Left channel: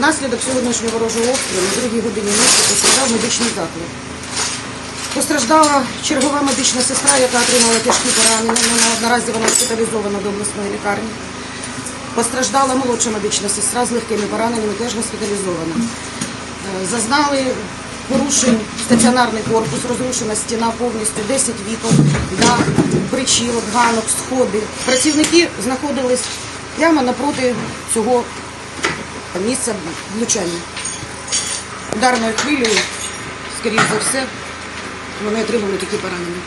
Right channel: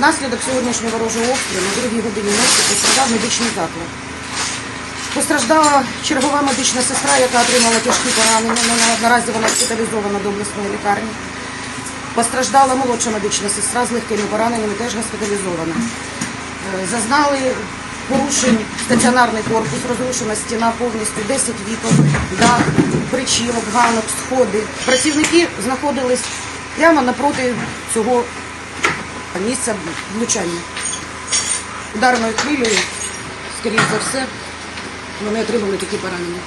Внаслідок сьогоднішнього ворожого обстрілу на другій годині ночі постраждав медичний заклад. Постраждала чергова медична сестра, яка отримала тяжкі поранення. Наразі вона госпіталізована до обласної лікарні. Постраждала молодша медична сестра з легкими пораненнями, теж госпіталізована. Е, Зазнали порушень стаціонарний корпус, розрушена стіна повністю, 10 вікон, дах, причілок, ганок, сходи. Працівники знаходились прямо напроти цього місця влучання. Ударною хвилею, скоріш за все, вони отримали такі поранення.